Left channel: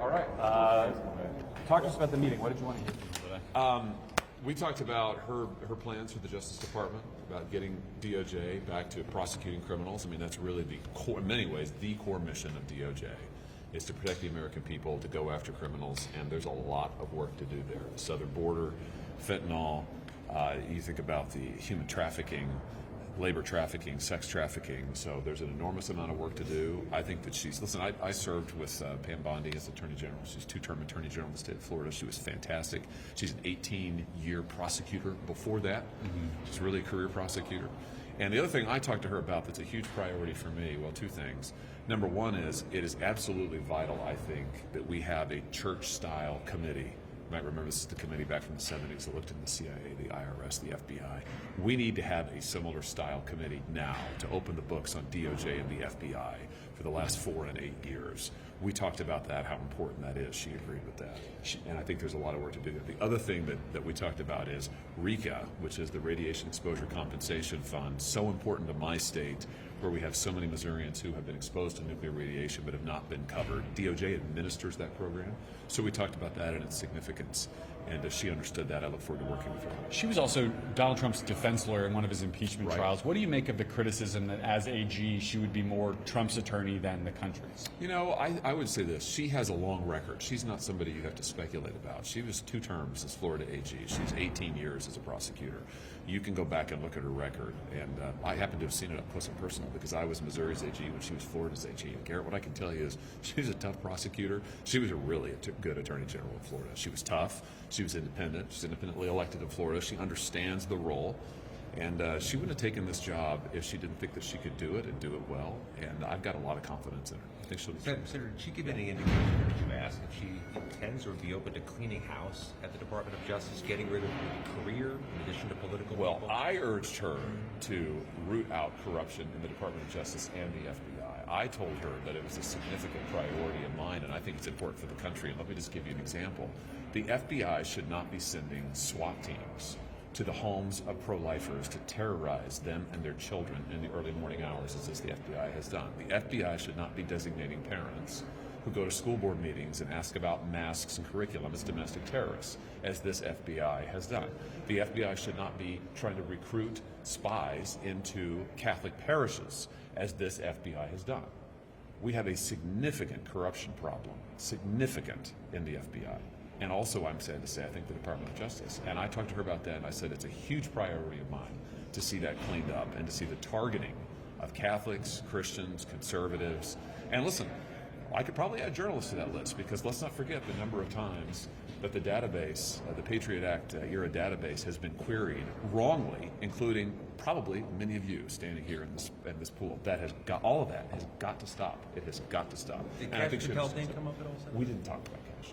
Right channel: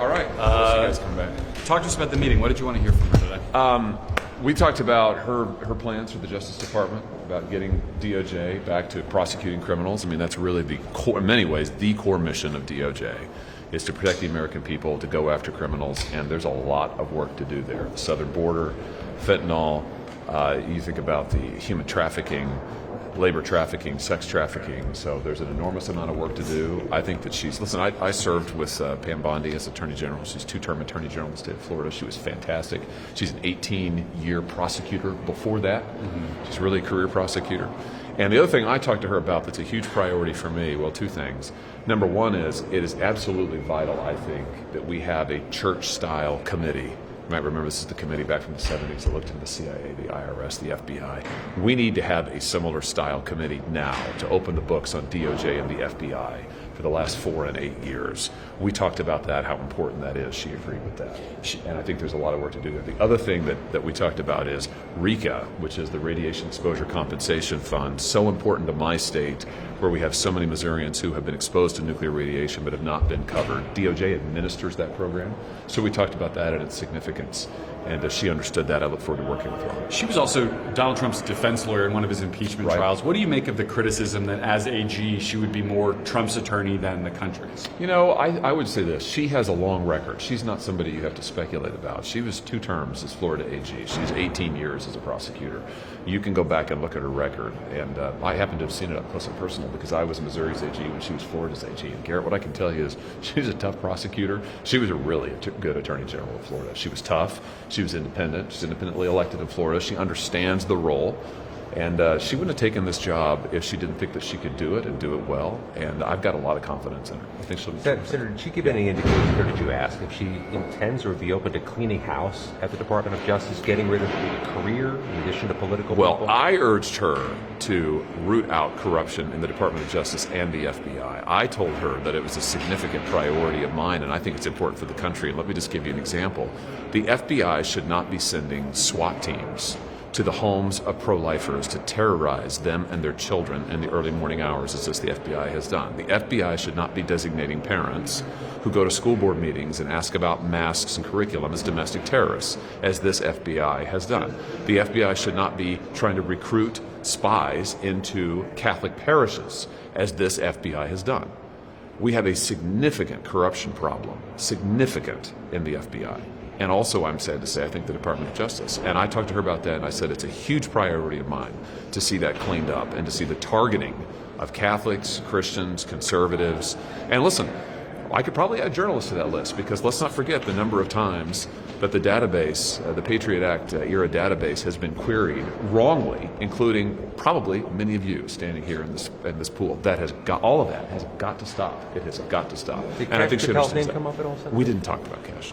All right. You guys come back. Talk to us about the meeting. What did you want to hear from her today? We talked about her plans for the Justice Department, about getting DOJ back to prosecuting criminals. I mean, that's really the core, in many ways, the core mission of DOJ is to protect the American people, to go after criminals, and there's a lot of work to do there. The southern border, fentanyl, you think about the human trafficking, labor trafficking, sex trafficking, so there's an enormous amount of work to do. I think that I served with Pam Bondi as Attorney General. She's two-term Attorney General in the state of Florida. She was fantastic. She's an 18-year prosecutor before that. She's really a career prosecutor. And the other thing I talked to her about that's a huge priority for me, well, two things. Number one is it is absolutely vital, I think, that we have a church-style committee. You might remember this is the committee back from the 70s that looked into the CIA, the IRS, the FBI. We need to have a similar style committee now to open the books on DOJ and the FBI for the last 4 and 8 years. We talked about that, how important that is. She agreed with that. And I think there's a lot of work to do there. The other thing that we talked about is RECA, which is the Radiation Exposure Compensation Fund, so important to my state where we have so many Missourians who have been exposed to nuclear radiation but have not been covered. DOJ administers that program. So we talked about that and its significance. And she understood that. I look forward to working with her. She was also Donald Trump's defense lawyer in one of his impeachment trials. What do you make of the criticism that as AG, she would be more Trump's attorney than the country's? You know, I would say this. She has a long record. She's not somebody you have to speculate about. She was 2 terms as Florida AG. She's 18 years as a prosecutor. You can go back and look at her record. And I happen to have seen it up close and personal because I was Missouri's AG when she was Florida's AG. And Garrett, what I can tell you is she's a tough prosecutor. She was a really good Attorney General of Florida. She was tough. She was independent. She's independently elected in Florida. She understands the role. And she wouldn't have taken this job if she didn't think that she could do it and do it well. And I've got a lot of confidence in her. I think she'll be Senator, did she give any indication, or did you ask, if she intends or would be open to cleaning house at the Department of Justice, getting rid of a career in addition to political people? Well, I urged her to root out corruption in the Department of Justice and the FBI. I told her that it was a significant priority of mine, and I think it's important for the country. And let me just give you an example. The FBI should not be sending SWAT teams to the homes of pro-lifers to terrorize them and their children in the early morning hours, as the FBI has done. The FBI should not be designating parents who go to school board meetings and ask about masks and curriculum as domestic terrorists, as this FBI has done. The FBI should not be trying to recruit spies into Catholic parishes, as this FBI has done. We have a significant corruption problem, significant, in the FBI. And also, I'm sad to say, I think the Department of Justice. And I talked to her about that, and I said it's a huge priority of mine to see that cleaned up and to see the targeting of Catholics, Christians, conservatives. And listen, I could probably add journalists to that list, because let's not forget the number of times that the database, the Patriot Act era database, has been queried wrongly, including probably many of you standing here in this pool. That has got, all of that has got to stop. It has got to stop. Did and I think she understands name that. come up at all? We didn't talk about cash.